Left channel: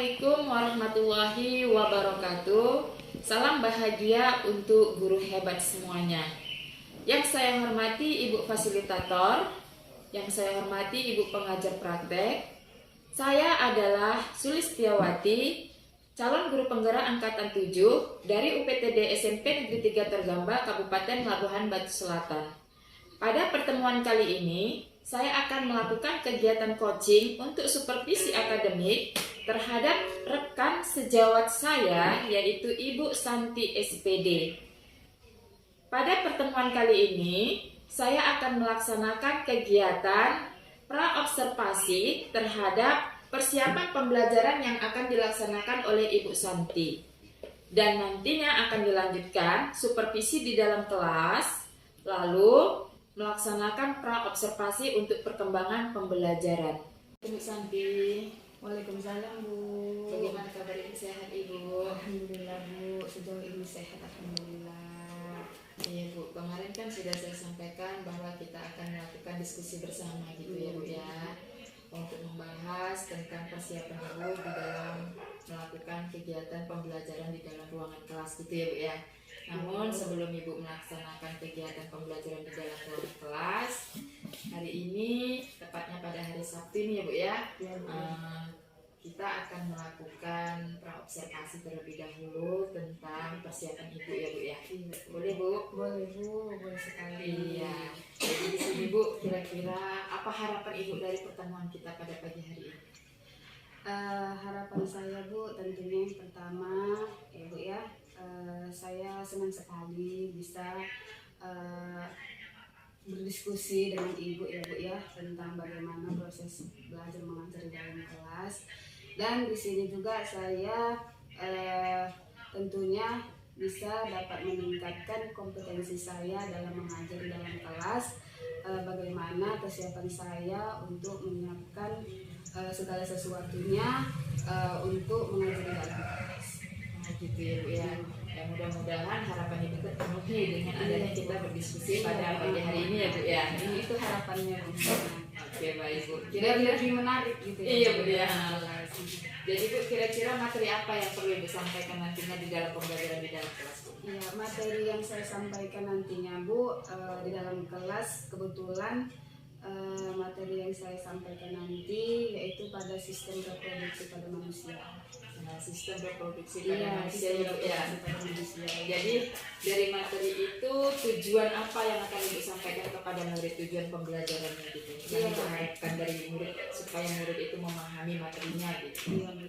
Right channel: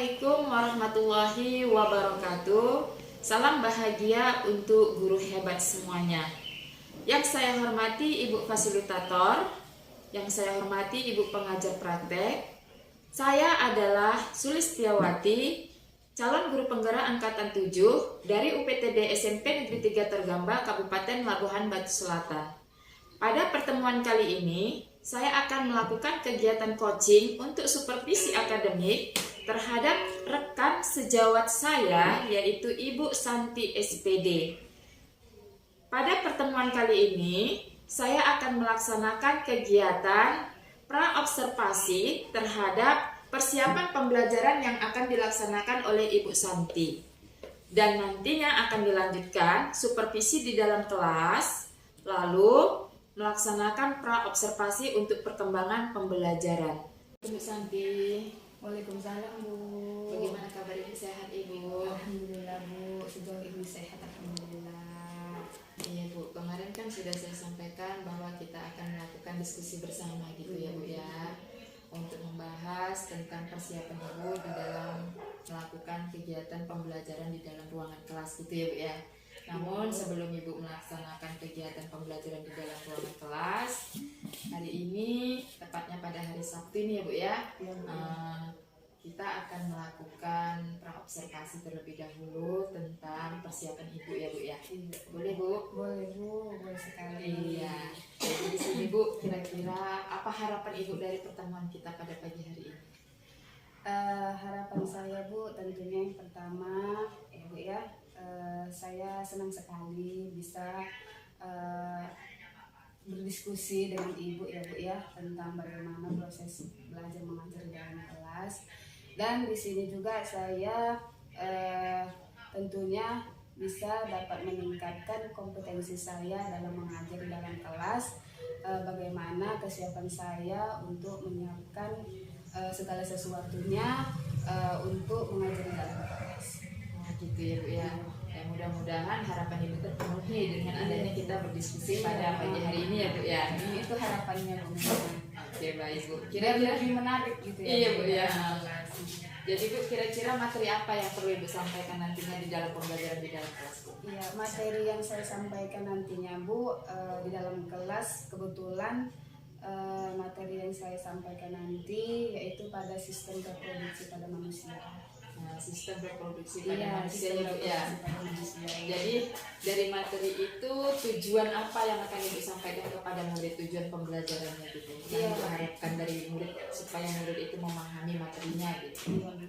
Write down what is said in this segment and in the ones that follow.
Assalamualaikum warahmatullahi wabarakatuh. Salam bahagia untuk guru hebat semuanya. Yang saya hormati Ibu Fasilitator, yang saya hormati Ibu Pengajar Praktek. Saya adalah Sulistiawati, calon guru penggerak angkatan 7 dari UPTD SMP Negeri 3 Tergamba, Kabupaten Labuhan Batu Selatan. Pada pertemuan kali ini, saya akan melakukan kegiatan coaching untuk supervisi akademik terhadap rekan sejawat saya, yaitu Ibu Santi SPD. Pada pertemuan kali ini, saya akan melaksanakan kegiatan praobservasi terhadap persiapan pembelajaran yang akan dilaksanakan oleh Ibu Santi. Dan nantinya akan dilanjutkan supervisi di dalam kelas, lalu melaksanakan praobservasi untuk perkembangan pembelajaran. Ibu Santi. Waalaikumsalam, Bu. Bagaimana kabar Ibu, sehat Ibu? Alhamdulillah, Bu. Sejauh ini sehat, alhamdulillah. Iya Bu, kemarin kan sudah saya sampaikan bahwa kita akan melakukan diskusi bersama gitu ya Bu ya, untuk membahas tentang persiapan Ibu di dalam melakukan kegiatan pembelajaran di dalam ruangan kelas gitu ya Bu ya. Namun sebelum Ibu melaksanakan kegiatan pembelajaran di dalam ruangan kelas, hari ini tepatnya pada hari Sabtu ini ya Bu ya, kita akan melakukan praobservasi terlebih dahulu tentang persiapan Ibu ya Bu ya. Boleh Bu? Boleh, Bu. Boleh sekali. Iya. Jadi di sini Bu, kira-kira apa harapan Ibu dari pertemuan kita pada pagi hari ini? Harapan saya, Bu, tentunya yang pertama, ya Bu ya, saya senang sekali bisa berdiskusi dengan Ibu ya Bu ya tentang bagaimana proses belajar mengajar di dalam kelas. Dan di sini juga saya tentunya bisa dapat meningkatkan kompetensi saya dalam mengajar di dalam kelas, bagaimana kesiapan saya untuk menyiapkan segala sesuatunya untuk mengajar di dalam kelas. Nah, gitu ya Bu ya. Ya mudah-mudahan harapan Ibu terpenuhi dengan adanya kita berdiskusi pada pagi hari ini ya Bu ya. Itu harapannya. Oke baik Bu. Kira-kira lebih menarik gitu ya. Iya Bu ya. Jadi Bu, kira-kira materi apa yang perlu Ibu sampaikan nantinya di dalam pembelajaran di dalam kelas Bu? Iya, materi yang saya sampaikan nantinya Bu, di dalam kelas kebetulan materi yang saya sampaikan nanti yaitu pada sistem reproduksi pada manusia. Sistem reproduksi pada manusia ya Bu ya. Jadi dari materi itu tujuan apa yang akan Ibu sampaikan kepada murid, tujuan pembelajarannya gitu? Yang Ibu harapkan dari murid supaya murid itu memahami materinya gitu. Iya, Bu.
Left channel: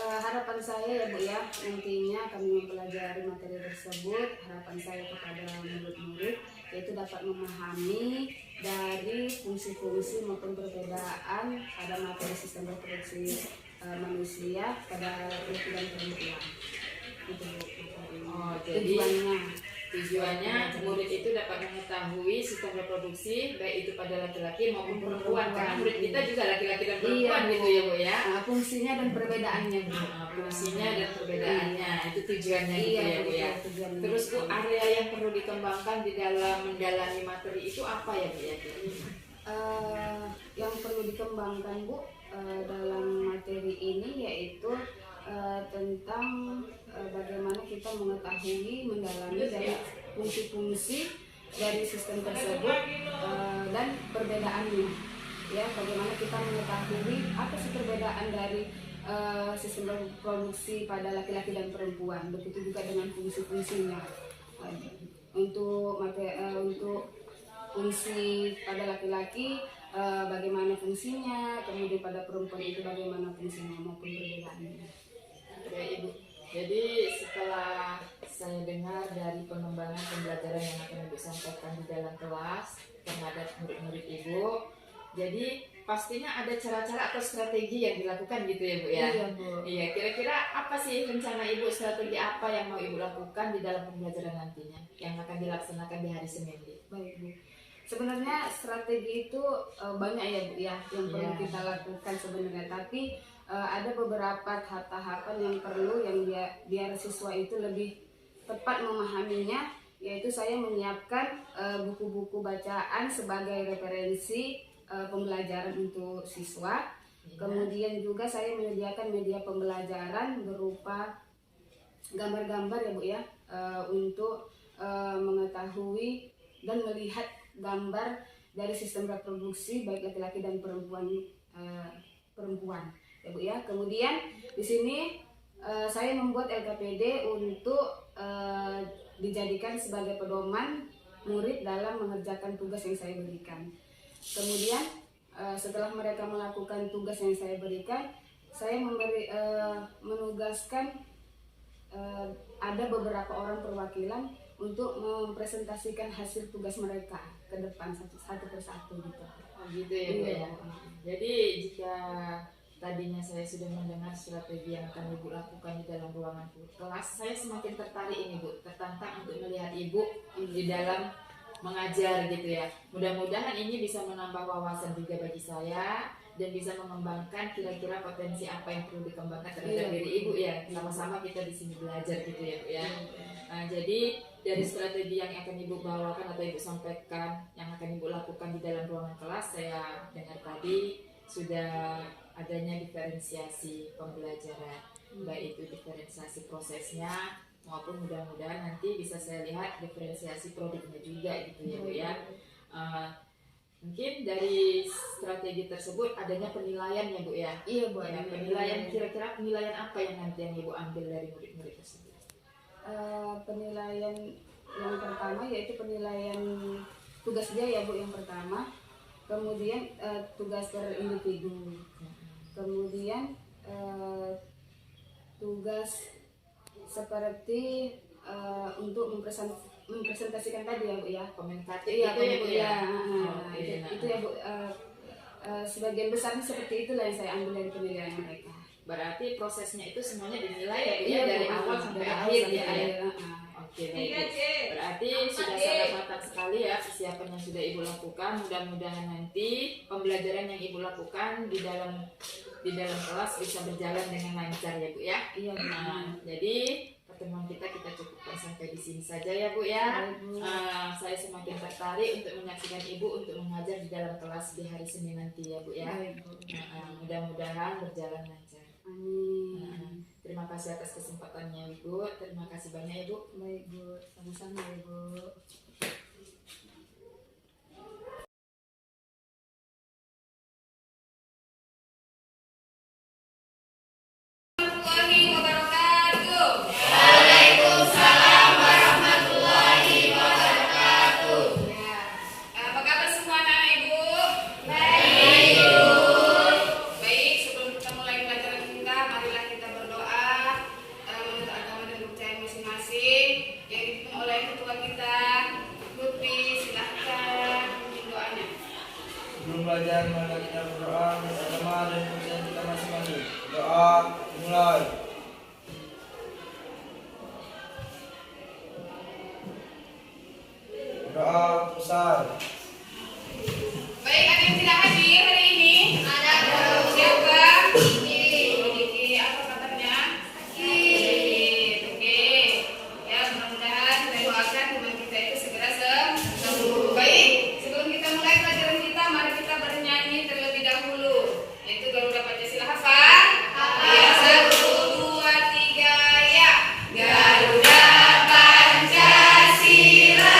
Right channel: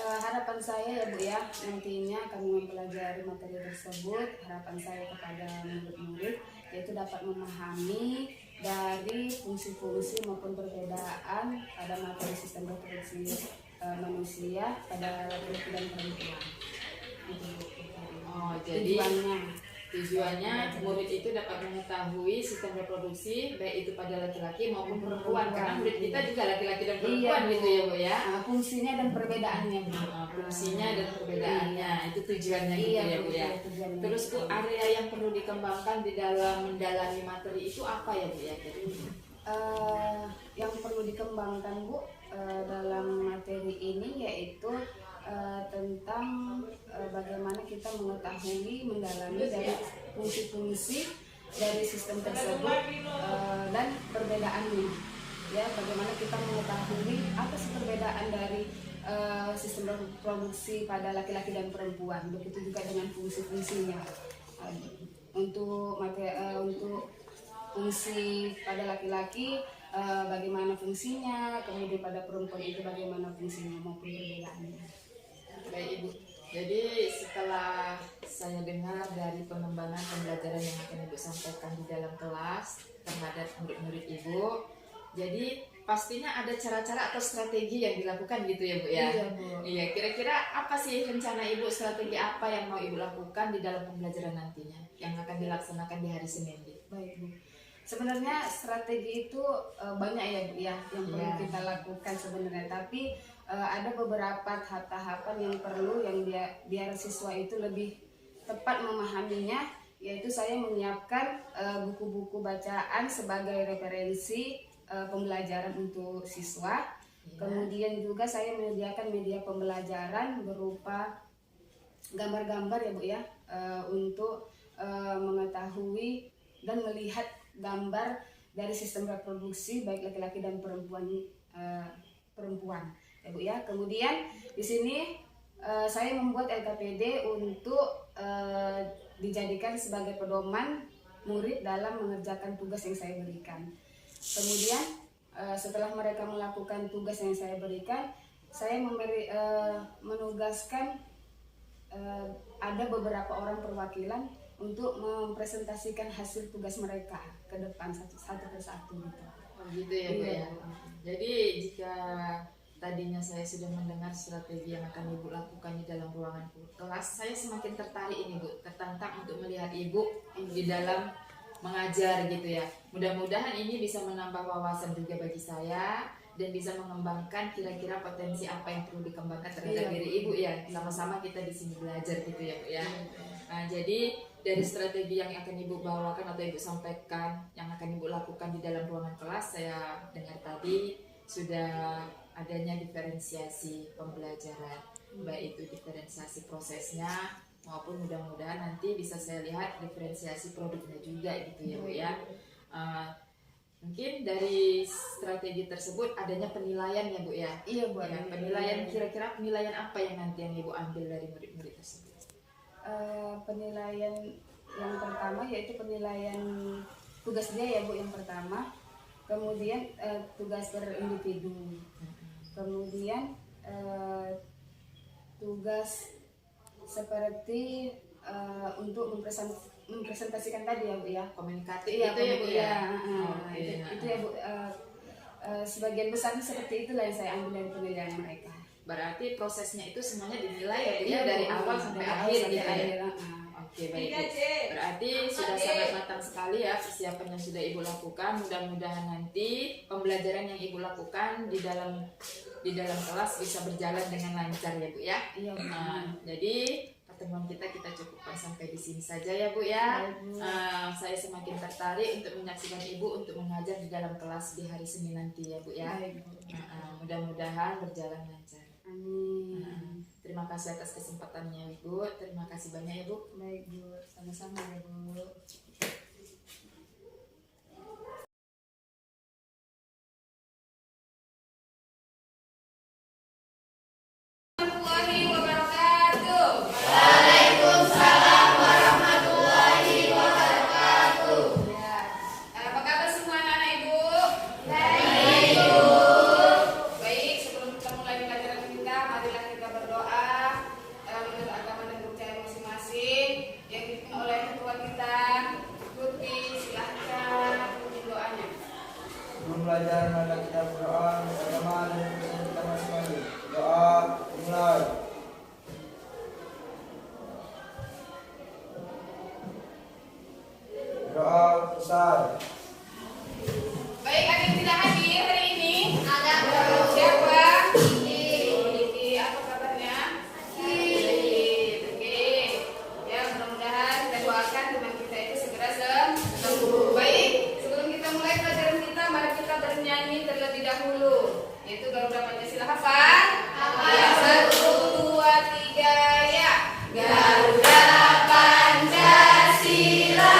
Harapan saya ya Bu ya, nantinya kami mempelajari materi tersebut, harapan saya kepada murid-murid yaitu dapat memahami dari fungsi-fungsi maupun perbedaan pada materi sistem reproduksi manusia pada laki-laki dan perempuan. Itu Oh, jadi tujuannya murid itu dapat mengetahui sistem reproduksi baik itu pada laki-laki maupun perempuan, karena murid kita juga laki-laki dan perempuan gitu ya Bu ya. Fungsinya dan perbedaannya Bu. Fungsinya dan perbedaannya itu tujuannya gitu ya Bu ya. Terus Bu, area yang perlu dikembangkan di dalam mendalami materi itu apa ya Bu ya? Yang perlu dikembangkan Bu dalam materi ini yaitu tentang bagaimana kita mengetahui, mendalami dari fungsi-fungsi dari sistem tersebut dan perbedaannya. Ya, bagaimana kita mengetahui apa sih perbedaan dari sistem reproduksi pada laki-laki dan perempuan. Begitu juga dengan fungsi-fungsinya. Untuk fungsi pada laki-laki bagaimana fungsinya, kemudian pada perempuan itu bagaimana fungsinya maupun perbedaannya. Baik Ibu, jadi setelah saya dengar dari pengembangan pembelajaran yang akan Ibu sampaikan di dalam kelas terhadap murid-murid Ibu, jadi pastinya ada cara-cara atau strategi yang dilakukan gitu ya Bu ya? Iya Bu. Iya, kira-kira apa sih rencana Ibu, strategi apa yang mau Ibu lakukan di dalam pembelajaran nantinya yang akan dilaksanakan di hari Senin? Baik Bu. Sebenarnya strategi itu banyak ya Bu ya yang perlu kita lakukan sebenarnya, tapi ada beberapa tahapan yang perlu yang biar siswa itu lebih tepat memahaminya, yaitu saya menyiapkan buku-buku bacaan sebagai referensi pembelajaran untuk siswa. Kemudian juga saya menyediakan media pembelajaran berupa gambar-gambar ya Bu ya, untuk mengetahui dan melihat gambar dari sistem reproduksi baik laki-laki dan perempuan ya Bu ya. Kemudian di sini saya membuat LKPD untuk dijadikan sebagai pedoman murid dalam mengerjakan tugas yang saya berikan. Kemudian setelah mereka melakukan tugas yang saya berikan, saya menugaskan ada beberapa orang perwakilan untuk mempresentasikan hasil tugas mereka ke depan satu persatu gitu. Oh gitu ya Bu ya. Jadi jika tadinya saya sudah mendengar strategi yang akan Ibu lakukan di dalam ruangan kelas, saya semakin tertarik ini Bu, tertantang untuk melihat Ibu di dalam mengajar gitu ya. Mudah-mudahan ini bisa menambah wawasan juga bagi saya dan bisa mengembangkan kira-kira potensi apa yang perlu dikembangkan terhadap diri Ibu ya. Sama-sama kita di sini belajar gitu ya Bu ya. Nah, jadi dari strategi yang akan Ibu bawakan atau Ibu sampaikan, yang akan Ibu lakukan di dalam ruangan kelas, saya dengar tadi sudah adanya diferensiasi pembelajaran, baik itu diferensiasi prosesnya maupun mudah-mudahan nanti bisa saya lihat diferensiasi produknya juga gitu ya Bu ya. Mungkin dari strategi tersebut adanya penilaian ya Bu ya. Iya Bu. Ya, penilaian, kira-kira penilaian apa yang nanti yang Ibu ambil dari murid-murid tersebut? Penilaian yang pertama yaitu penilaian tugas dia ya Bu yang pertama. Kemudian tugas per individu. Kemudian tugas seperti untuk mempresentasikan tadi ya Bu ya, komunikatif ya, itu ya Bu ya. Itu ya Bu, sebagian besar seperti itulah yang saya ambil dari penilaian mereka. Berarti prosesnya itu semuanya dinilai ya Bu ya, dari awal sampai akhir gitu ya. Oke baik Bu. Berarti sudah sangat matang sekali ya persiapan yang sudah Ibu lakukan. Mudah-mudahan nanti pembelajaran yang Ibu lakukan di dalam kelas bisa berjalan dengan lancar ya Bu ya. Iya. Nah, jadi pertemuan kita cukupkan sampai di sini saja ya Bu ya. Saya semakin tertarik untuk menyaksikan Ibu untuk mengajar di dalam kelas di hari Senin nanti ya Bu ya. Mudah-mudahan berjalan lancar. Amin. Terima kasih atas kesempatannya Ibu. Terima kasih banyak ya Bu. Baik Bu, sama-sama ya Bu. Sebelum belajar, mari kita berdoa bersama dan kemudian kita masing-masing. Doa mulai. Doa selesai. Baik, ada yang tidak hadir hari ini? Ada. Siapa? Diki. Apa kabarnya? Baik. Oke. Ya, mudah-mudahan kita doakan teman kita itu segera sembuh. Baik, sebelum kita mulai pelajaran kita, mari kita bernyanyi terlebih dahulu. Yaitu Garuda Pancasila hafal? Ya, 1, 2, 3, ya. Garuda Pancasila.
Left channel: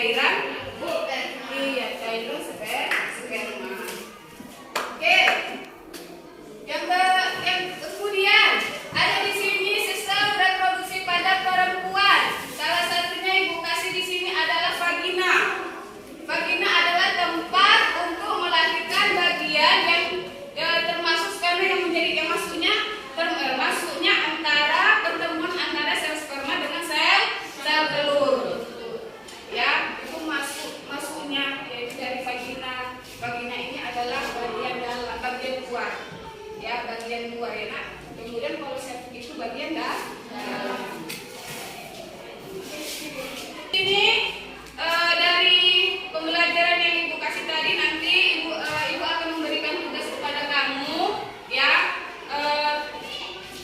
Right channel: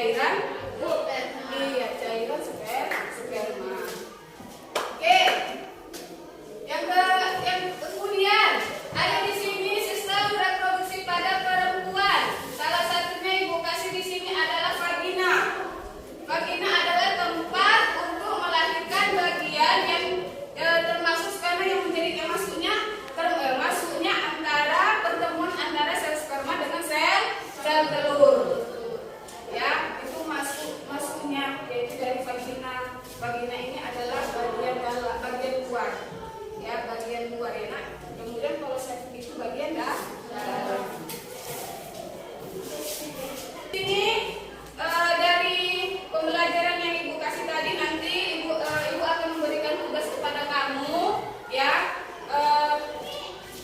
cairan iya cairan sperma. Oke. Yang kemudian ada di sini sistem reproduksi pada perempuan. Salah satunya ibu kasih di sini adalah vagina. Vagina adalah tempat untuk melahirkan bagian yang termasuk karena yang menjadi masuknya antara pertemuan antara sel sperma dengan sel telur. Ya, itu masuknya yaitu dari vagina. Vagina ini adalah bagian luar. Ya, bagian luar ya. Nah, kemudian kalau septic itu bagian dalam. Ini dari pembelajaran yang ibu kasih tadi, nanti ibu akan memberikan tugas kepada kamu ya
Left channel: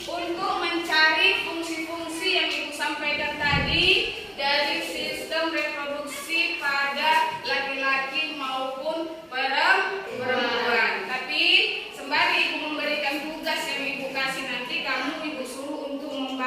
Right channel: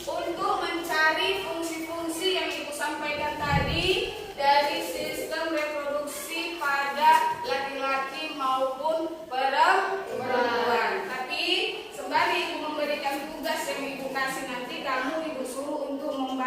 untuk mencari fungsi-fungsi yang ibu sampaikan tadi dari sistem reproduksi pada laki-laki maupun perempuan. Tapi sembari ibu memberikan tugas yang ibu kasih, nanti kamu ibu suruh untuk membaca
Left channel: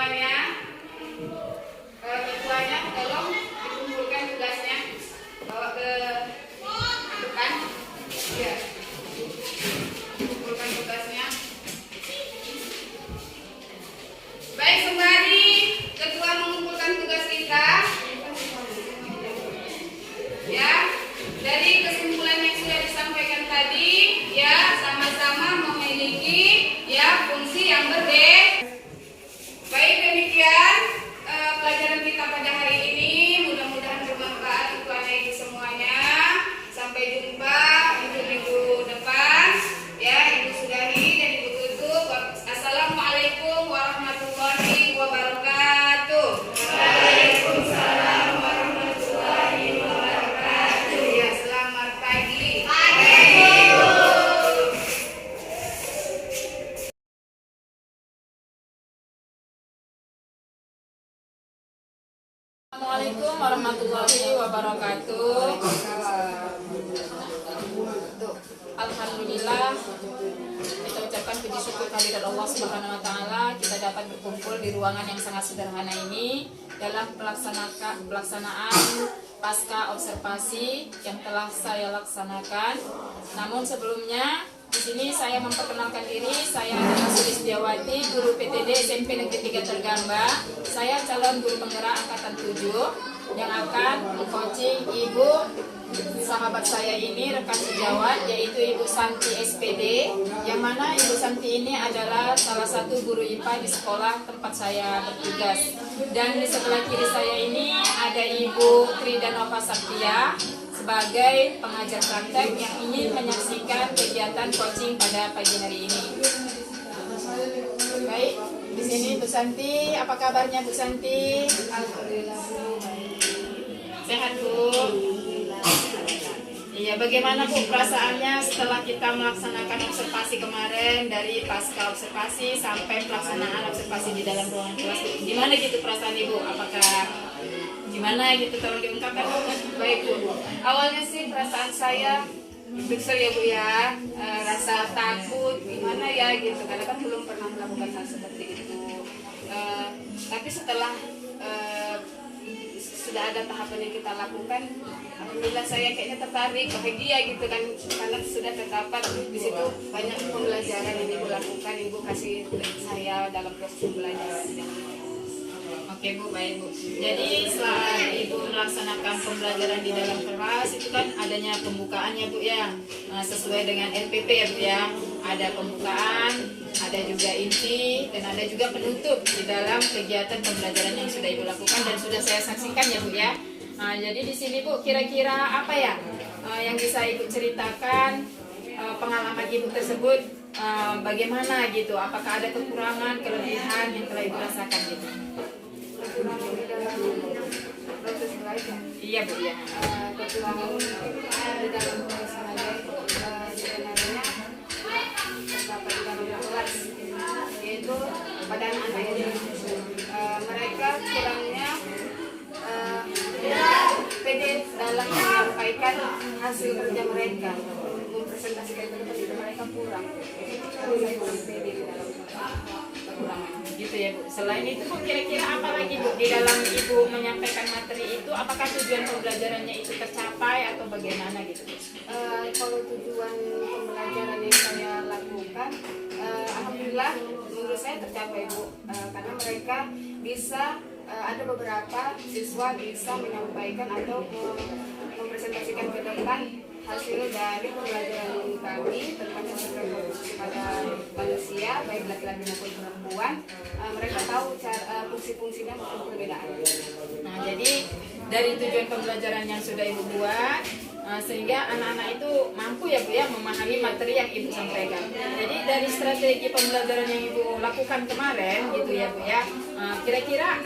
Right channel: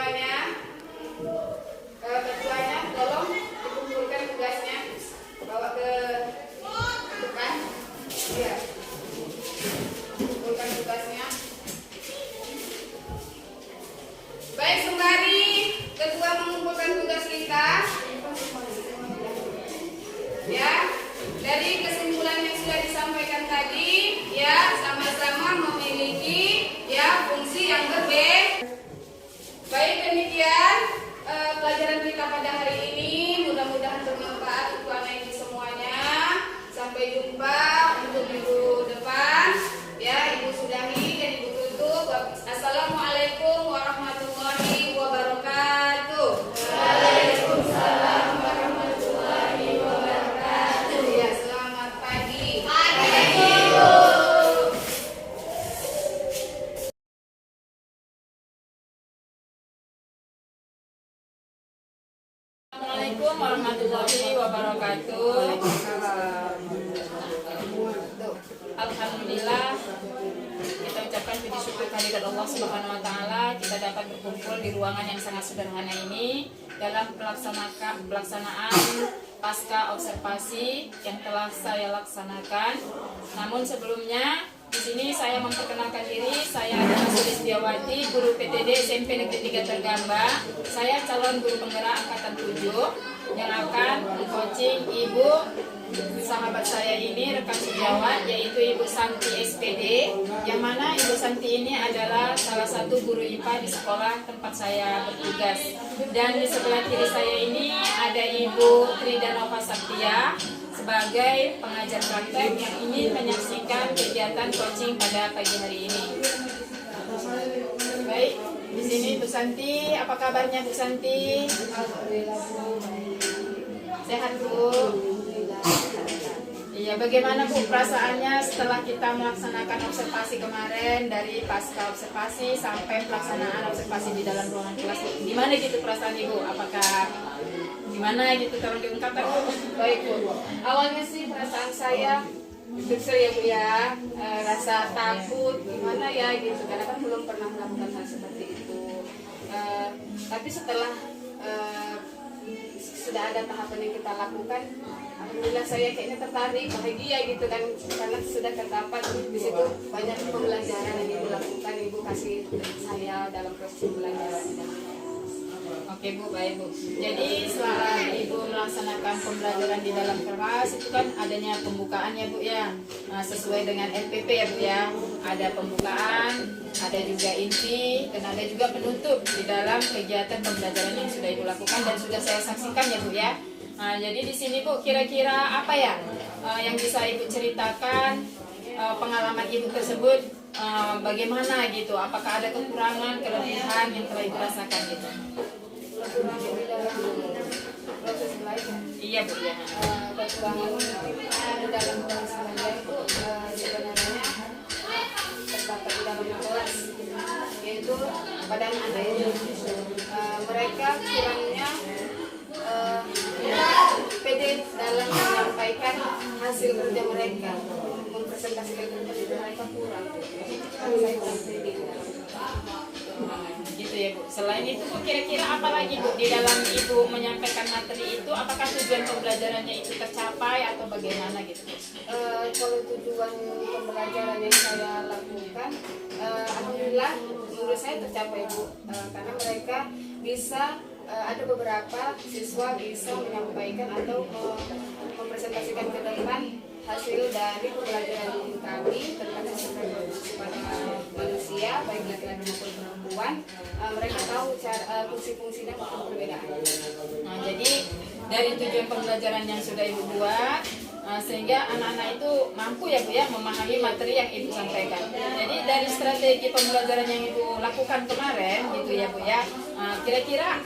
semuanya. Ketuanya tolong dikumpulkan tugasnya, bawa ke depan. Ya, kumpulkan tugasnya. Baik, sembari ketua mengumpulkan tugas kita, ya, dari kesimpulan yang sudah disampaikan tadi, ya, sama-sama memiliki ya fungsi yang berbeda. Baik, demikian pelajaran kita pada hari ini. Mudah-mudahan bermanfaat untuk anak ibu semuanya. Sampai jumpa minggu depan. Ya, ibu sudahi dan ibu tutup. Assalamualaikum warahmatullahi wabarakatuh. Waalaikumsalam warahmatullahi wabarakatuh. Ya, selamat pagi. Assalamualaikum warahmatullahi wabarakatuh. Alhamdulillah, kita ucapkan puji syukur kehadirat Allah Subhanahu wa taala, kita dapat berkumpul di ruangan yang sangat sederhana ini dalam pelaksanaan pasca observasi yang telah saya laksanakan. Namun sebelumnya di sini saya memperkenalkan diri, saya adalah Sulistiawati, guru PTD SMP Negeri 3 Tergamba. Saya calon guru penggerak angkatan 7 yang akan meng-coaching ibu sahabat saya ini, rekan sejawat, yaitu Ibu Santi SPD, yang mana Ibu Santi ini adalah salah satu guru IPA di sekolah tempat saya bertugas. Dan di sebelah kiri saya ini ada Ibu Tridanova Saktia sebagai pengajar praktek yang ingin menyaksikan kegiatan coaching pada pagi hari ini. Baik, di sini Bu Santi, apa kabarnya Bu Santi? Alhamdulillah, Bu. Sehat Bu? Iya, bagaimana Bu perasaannya setelah kita melaksanakan observasi kemarin, dari pasca observasi sampai pelaksanaan observasi di dalam ruangan kelas Bu? Gimana gitu perasaan Ibu? Apakah gimana gitu, tolong diungkapkan Bu? Baik Bu, awalnya sih perasaan saya besar ya Bu ya, rasa takut gimana ya gitu, karena kan belum pernah melakukan hal seperti itu. Tapi setelah sudah ada tahapan yang kita lakukan, alhamdulillah saya kayaknya tertarik, bahagia gitu kan, karena sudah terdapat di situ banyak pembelajaran yang Ibu lakukan, Ibu kasih saya dalam proses pembelajaran. Oke Bu, baik Bu. Jadi setelah Ibu melaksanakan pembelajaran di dalam kelas itu kan adanya pembukaannya Bu ya, sesuai dengan LPP ya Bu ya. Ada pembukaan, ada juga inti, dan ada juga penutup di dalam kegiatan pembelajaran yang sudah Ibu lakukan dan sudah saya saksikan ya Bu ya. Jadi di sini Bu, kira-kira apa ya yang bisa Ibu ceritakan pengalaman Ibu tersebut, bagaimana gitu? Apakah ada kekurangan, kelebihan yang telah Ibu rasakan gitu? Kekurangan di dalam proses belajar. Iya Bu ya. Kekurangan di dalam proses belajar itu sebenarnya terdapat di dalam kelas, yaitu pada anak-anak ini. Mereka kurangnya pede dalam menyampaikan hasil kerja mereka, mempresentasikan kerja mereka kurang. Saya kurang pede. Gitu ya Bu. Selain itu Bu, kira-kira apa lagi Bu di dalam Ibu menyampaikan materi itu? Apakah tujuan pembelajarannya itu tercapai atau bagaimana gitu Bu? Kalau tujuan pembelajaran yang saya lakukan, alhamdulillah menurut saya tercapai Bu, karena mereka bisa, ada beberapa siswa bisa menyampaikan atau mempresentasikan ke depan hasil dari pembelajaran kami tentang reproduksi pada manusia, baik laki-laki maupun perempuan. Mereka tahu fungsi-fungsi dan perbedaan. Jadi dari tujuan pembelajaran yang sudah Ibu buat, sehingga anak-anak itu mampu ya Bu ya memahami materi yang Ibu sampaikan. Jadi dari strategi pembelajaran yang Ibu lakukan kemarin gitu ya Bu ya, kira-kira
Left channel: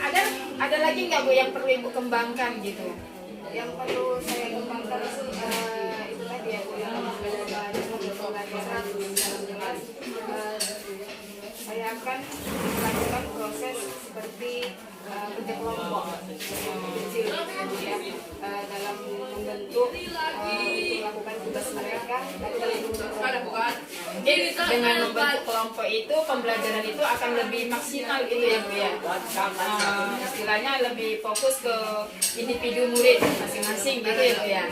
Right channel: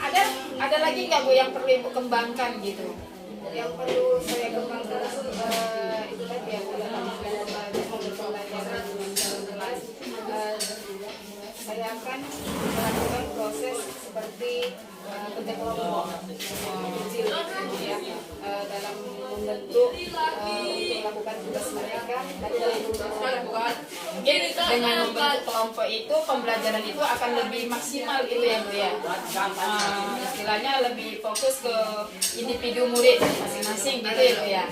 ada lagi nggak Bu yang perlu Ibu kembangkan gitu? Yang perlu saya kembangkan itu tadi ya, dalam pembelajaran dengan jelas, saya akan melakukan proses seperti kerja kelompok kecil gitu ya, dalam membentuk untuk melakukan tugas mereka, tapi dalam bentuk kelompok. Mungkin dengan membentuk kelompok itu pembelajaran itu akan lebih maksimal gitu ya Bu ya. Istilahnya lebih fokus ke individu murid masing-masing gitu ya Bu ya.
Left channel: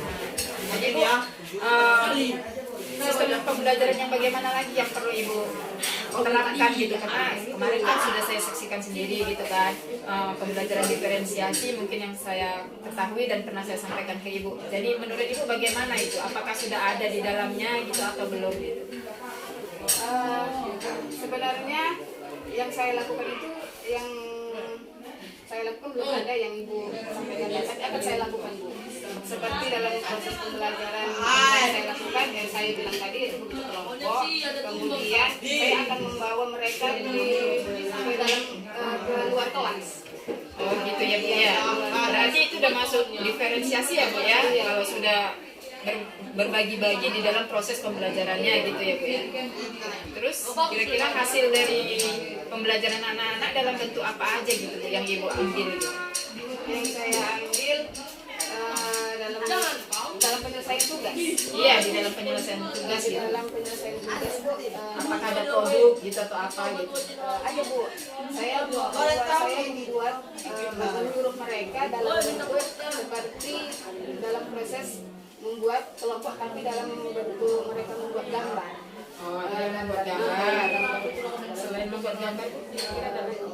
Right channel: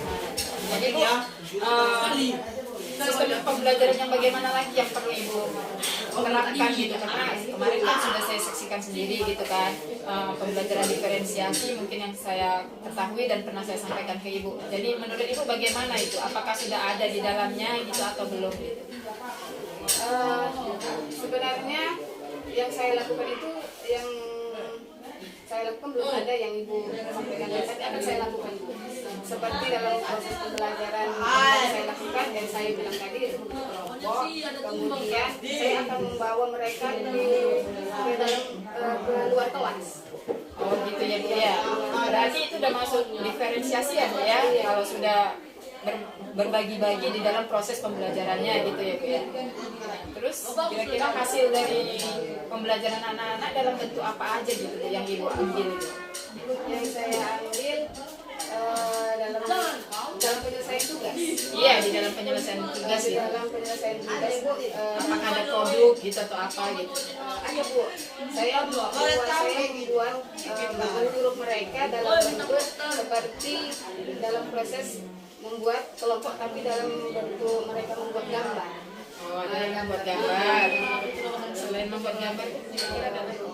Jadi Bu, sistem pembelajaran yang bagaimana lagi yang perlu Ibu terapkan gitu, karena kemarin kan sudah saya saksikan sendiri gitu kan, pembelajaran diferensiasi mungkin yang saya ketahui dan pernah saya sampaikan ke Ibu. Jadi menurut Ibu bagaimana itu? Apakah sudah ada di dalamnya gitu atau belum gitu? Sebenarnya yang saya lakukan itu yang saya lakukan belum ada yang Ibu sampaikan, tapi akan saya lakukan Bu. Seperti dalam proses pembelajaran yang saya lakukan, yang saya bilang tadi membentuk kelompok, kemudian saya akan membawa mereka ke dalam ke luar kelas. Oh gitu ya Bu ya. Berarti itu udah masuk diferensiasi ya Bu ya, kalau sudah berbagi-bagi di dalam proses pembelajarannya gitu ya Bu ya. Terus kira-kira hasil dari pembelajaran anak-anak dalam bentuk apa aja gitu Bu yang Ibu ambil itu? Yang saya ambil dalam penyelesaian tugas. Iya, di dalam penyelesaian tugas Di gitu. dalam penyelesaian tugas Bu, Apakah ada produk gitu atau apa gitu? ayo Bu, saya membuat menurut mereka dalam bentuk seperti dalam proses membuat kelompok, tapi dalam bentuk mereka membuat gambar. Oh, ada yang membuat gambar. Selain membuat gambar, kira-kira ada lagi?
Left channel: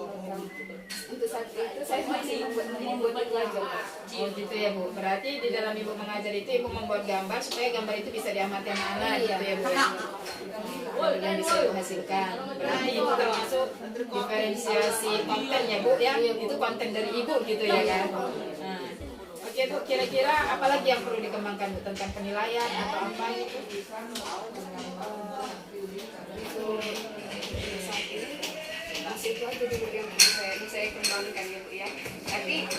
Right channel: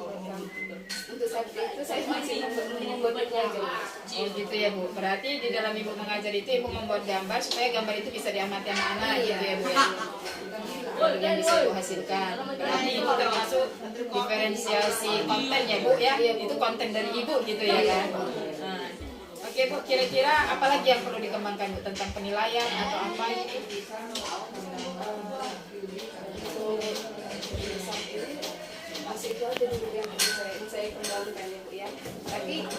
Untuk saat itu saya masih membuat baju. Oh gitu ya Bu. Berarti di dalam Ibu mengajar itu Ibu membuat gambar supaya gambar itu bisa diamati anak-anak gitu ya Bu ya. Yang bisa Ibu hasilkan. Berarti Ibu termasuk diferensiasi konten ya Bu ya. Itu konten dari Ibu gitu ya kan. Nah. Oke Bu, kira-kira apa lagi yang perlu dikembangkan Bu tentang penilaian atau apa gitu? Masih itu aja dulu yang saya kembangkan gitu ya. Tapi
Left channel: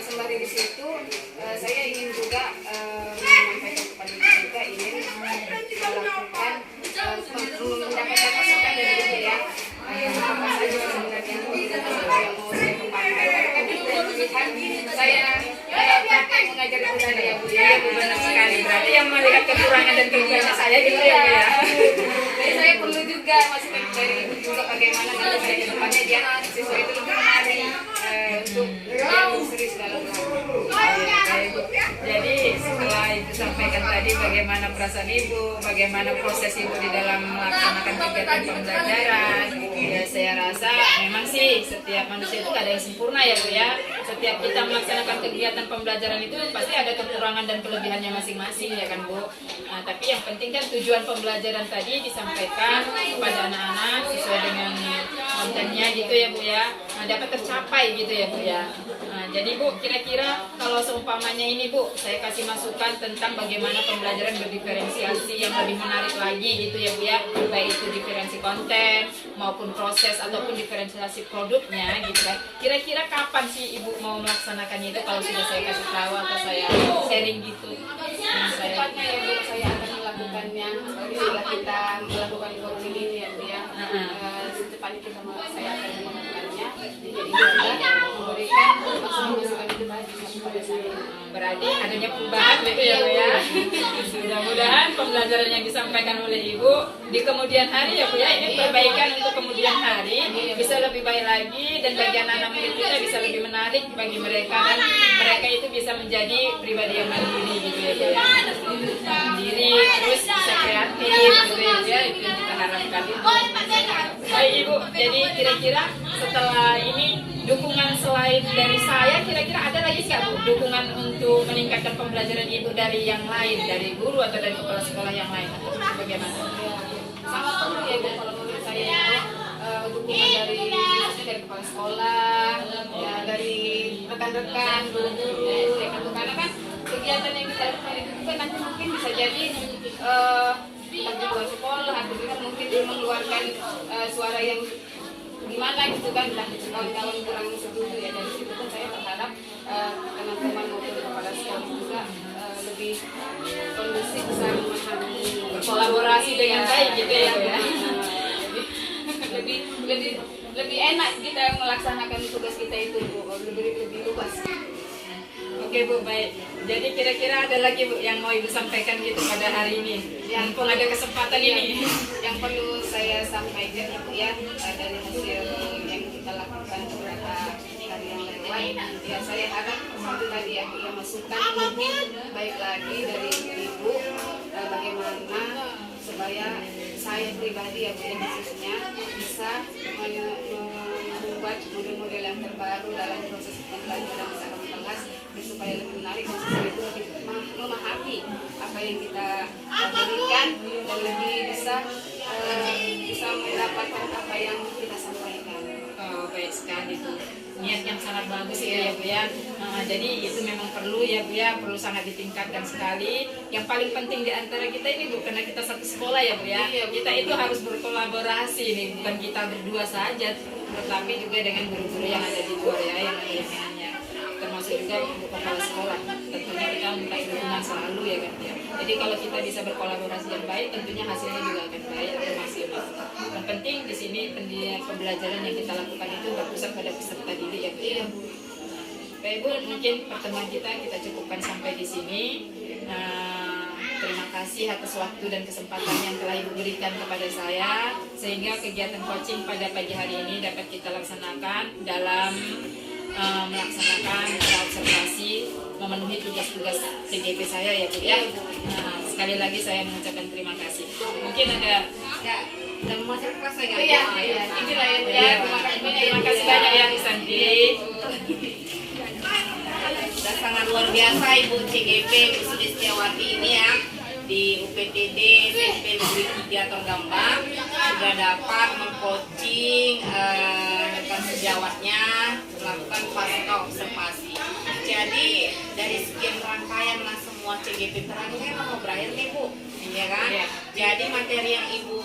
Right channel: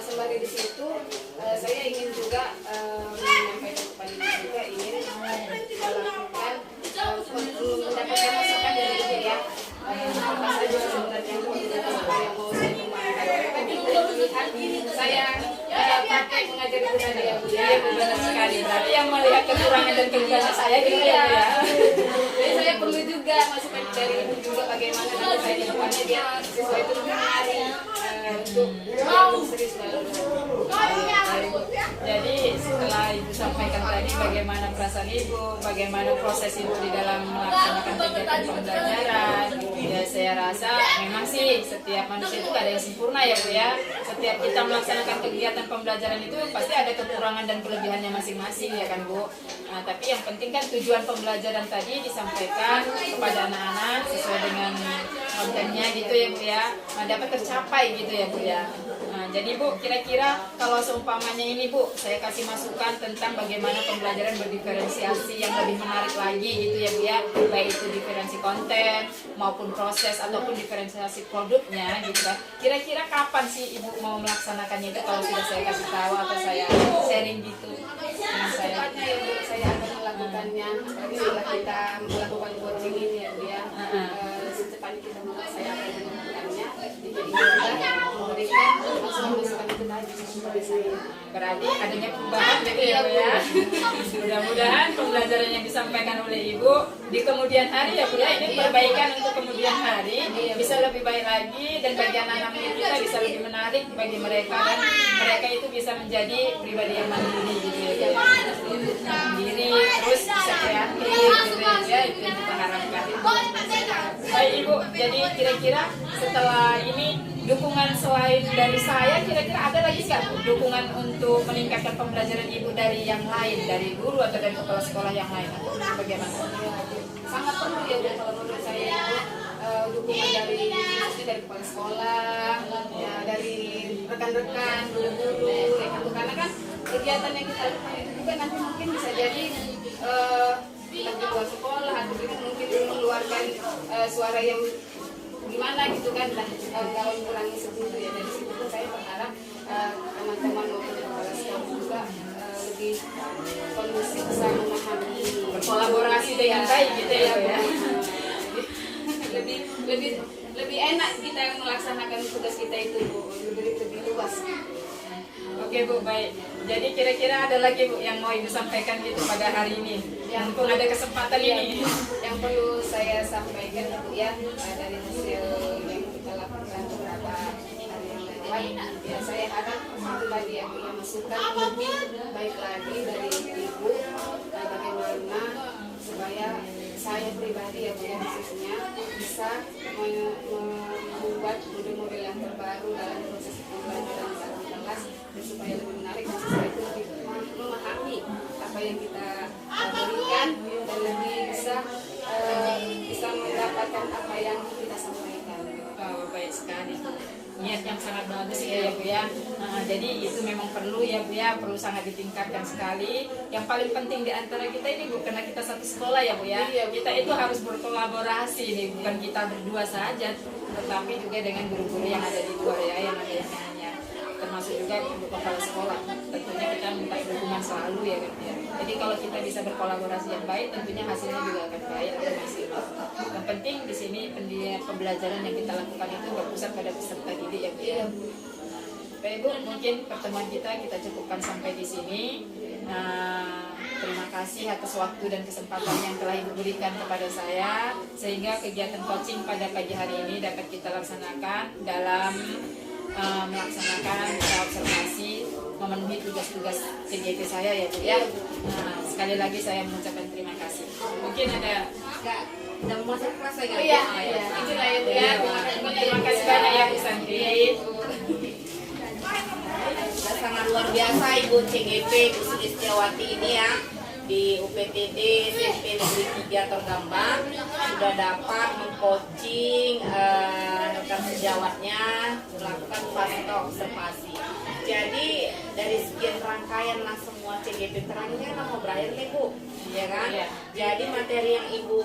sembari di situ saya ingin juga menyampaikan kepada Ibu juga ingin melakukan mendapatkan masukan dari Ibu ya. Apa saja sebenarnya yang mau saya kembangkan. Saya praktek mengajar budaya Bu ya. Benar sekali. Berarti yang melihat kekurangan dan kelebihannya saya gitu ya Bu ya. Jadi saya perlu juga masukan dari Ibu juga bagaimana nanti saya ke depannya dia siswa itu lebih menarik untuk yang serius dalam Jadi setelah Ibu sampaikan tadi bagaimana perasaan Ibu, bagaimana proses Ibu di dalam melaksanakan kegiatan pembelajaran, ya saya rasa memang sih setiap manusia itu gak ada yang sempurna ya Bu ya. Setiap kita melaksanakan kegiatan pembelajaran itu pasti ada kekurangan dan kelebihannya masing-masing ya kan Bu. Nah, tapi yang penting kan tujuan pembelajaran tadi disampaikan kepada anak-anak sesuai dengan kontennya gitu ya Bu ya. Nah, dapat tercapai gitu ya Bu ya. Nah, jadi Bu, kira-kira kalau seumpamanya ini Bu, saya kasih masukan tentang bagaimana pembelajaran berdiferensiasi yang lebih menarik lagi gitu ya Bu ya, baik itu diferensi konten maupun proses ataupun diferensiasi produknya gitu kan. Kira-kira kapan sih Ibu mau melaksanakannya itu kalau sudah saya kasih tahu atau saya sharing gitu? Nah, Secepatnya ya Bu, saya akan melakukannya bila kita melakukan forum ini ya Bu ya. Secepatnya kita saya akan melakukannya. Jadi juga memberikan masukan-masukan itu tadi kepada saya. Berarti adanya perubahan gitu ya Bu ya. Mudah-mudahan pembelajaran yang disampaikan oleh Ibu di kemudian hari ya Bu ya, ini perbaikan untuk kemudian hari bisa lebih baik lagi, dan bagi anak-anak murid kita bisa lebih menarik bagi mereka, dan mereka itu bisa menjadi pribadi yang mandiri gitu ya Bu ya. Mandiri, terus bisa kreatif gitu ya, itu yang kita harapkan. Baik Ibu, jadi kira-kira setelah ini dukungan selain dari saya, kira-kira ada lagi nggak Bu dukungan untuk meningkatkan pembelajaran Ibu dari yang lain, dari guru atau dari kepala sekolah yang lain, atau bagaimana? Sangat perlu ya Bu kalau menurut saya itu dukungan dari kepala sekolah, ya, dari rekan-rekan, guru-guru, ya kan Bu, karena kan kegiatan yang kita lakukan itu juga nanti mungkin bisa jadi di luar sekolah atau kita mungkin mengeluarkan suara yang gimana gitu kan, dan kawan-kawan kurang setuju ya. Dari situ pun saya berharap teman-teman maupun kepala sekolah juga lebih kondusif, bisa memahami, Berkolaborasi dengan baik gitu ya Bu ya. lebih enak kita melaksanakan tugas kita itu Bu, lebih luas. Oke Bu, baik. Jadi kira-kira ada lagi Bu yang mau Ibu sampaikan gitu pada hari ini? Yang pun ada kesempatan ini. Yang perlu saya sampaikan Ibu ya, dari hasil yang kita lakukan beberapa hari yang lewat, ya saya harap itu tadi yang kita masukkan mungkin baik lagi dari Ibu, bagaimana supaya saya pribadi ya Bu ya, khususnya bisa membuat model-model yang terbaru dalam proses pembelajaran dalam kelas supaya lebih menarik dan siswa itu lebih memahami apa yang kita berikan dan lebih bisa mendapatkan apa yang kita sampaikan. Oh, baik sekali Bu. Niat yang sangat bagus ya Bu ya. Jadi itu memang perlu ya Bu ya, perlu sangat ditingkatkan sekali. Yang paling penting di antara kita ini Bu, karena kita satu sekolah ya Bu ya. Kita itu harus berkolaborasi nih, bukan kita berdua saja, tetapi juga dengan guru-guru yang ada di luar ya, yang ada yang lainnya. Termasuk juga untuk kepala sekolah. Tentunya kita minta dukungan selalu ya kan ya. Jadi kalau kita bisa berkolaborasi yang baik, tentunya hasilnya juga akan baik atau maksimal. Yang penting di sini pembelajaran yang kita lakukan itu berpusat pada peserta didik ya Bu. Iya Bu. Baik Bu, mungkin pertemuan kita cukupkan sampai di sini. Terima kasih atas waktu dan kesempatan yang telah Ibu berikan kepada saya, sehingga kegiatan coaching pada pagi hari ini dapat kita laksanakan dalam melaksanakan observasi, memenuhi tugas-tugas CGP saya ya Bu ya. Sekali lagi saya mengucapkan terima kasih. Mungkin ada yang masuk kelas saya iya. Inilah ya Bu Ya, ya. terima kasih banyak ya Bu Santi. Sudah sangat luar biasa Ibu CGP Bu Sulistiawati ini ya, di UPTD SMP Negeri 3 Tordambang sudah dapat mengcoaching rekan sejawatnya melakukan pasca observasi. Jadi dari sekian rangkaian semua CGP terangnya mau berakhir nih Bu, ya kan? Iya. Jadi materi yang Ibu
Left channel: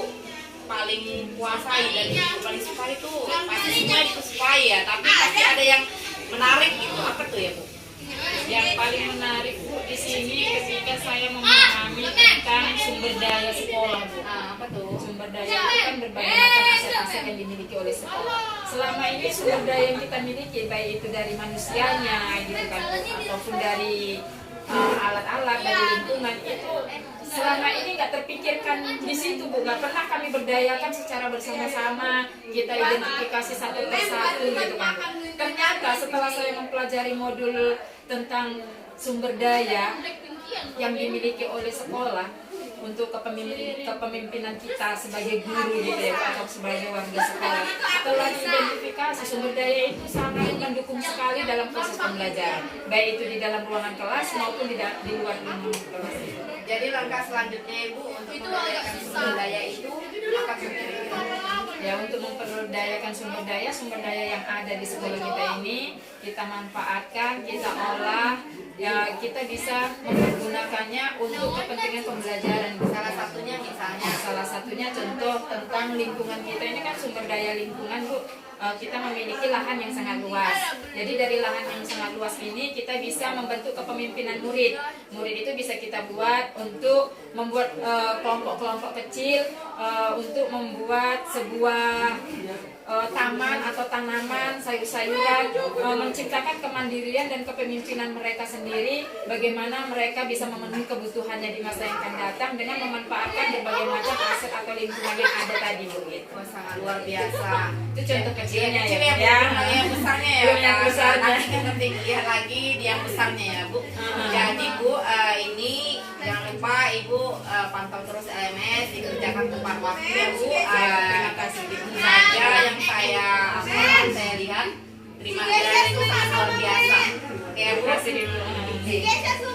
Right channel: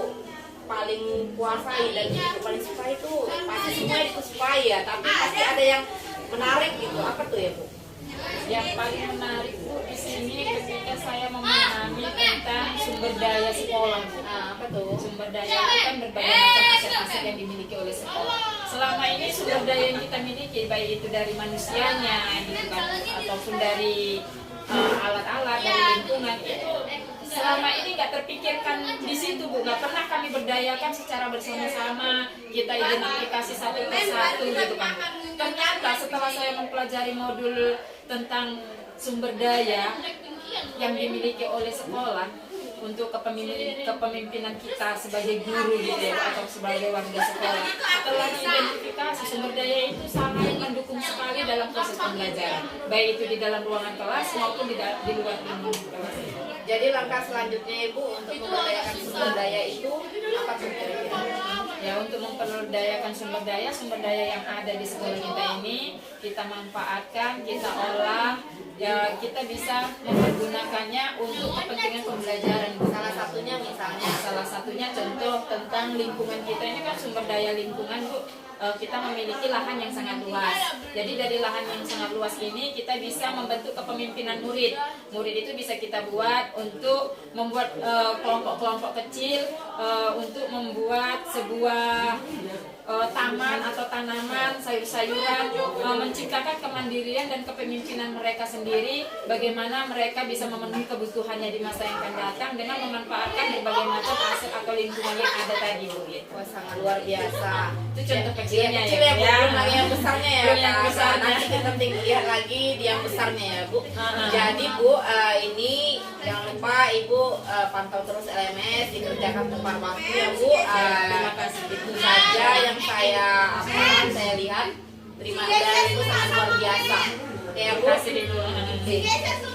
paling kuasai dan Ibu paling suka itu pasti semua disukai ya, tapi pasti ada yang menarik gitu. Apa tuh ya Bu? Yang paling menarik Bu di sini ketika saya memahami tentang sumber daya sekolah Bu. Apa tuh? Sumber daya itu kan berbagai macam aset-aset yang dimiliki oleh sekolah. Selama ini sumber daya yang kita miliki, baik itu dari manusianya gitu kan, ataupun dari alat-alat, dari lingkungan, itu selama ini nggak terpikirkan di situ Bu. Nggak pernah kami berdayakan secara bersama-sama, kita identifikasi satu persatu gitu kan Bu. Ternyata setelah saya mempelajari modul tentang sumber daya yang dimiliki oleh sekolah untuk kepemimpinan kita sebagai guru gitu ya, atau sebagai warga sekolah, setelah diidentifikasi sumber daya itu sangat mendukung sekali dalam proses pembelajaran, baik itu di dalam ruangan kelas maupun di luar ruangan kelas. Jadi langkah selanjutnya Ibu untuk memberdayakan sumber daya itu apa kira-kira? Ya, untuk memperdayakan sumber daya yang ada di sekolah kita ini, kita manfaatkan, kita olah, ya kita bisa mempergunakannya untuk kepentingan pembelajaran. Salah satunya contoh tentang lingkungan kita ini kan sumber daya lingkungan Bu. Kita memiliki lahan yang sangat luas. Jadi dari lahan yang sangat luas ini kita bisa membentuk kepemimpinan murid. Murid itu bisa kita buat untuk membuat kelompok-kelompok kecil untuk membuat sebuah taman atau tanaman, sayur-sayuran, menciptakan kemandirian dan kepemimpinan mereka sendiri, bagaimana mereka bisa memenuhi kebutuhannya di masa yang akan datang dengan memanfaatkan berbagai macam aset atau lingkungan yang ada tadi Bu. Oh, sangat luar biasa. Itu contoh kecilnya Kecil ya. ya Bu, yang besarnya ya. Belum yang besarnya. Nanti kita lihat lagi di yang besarnya ya Bu. Jadi Bu, ini jangan lupa Ibu pantau terus LMS, dikerjakan tepat waktu ya Bu. Terima kasih. Itu saja yang saya lihat. Terima kasih, itu sangat luar biasa. Oke Bu. Terima kasih.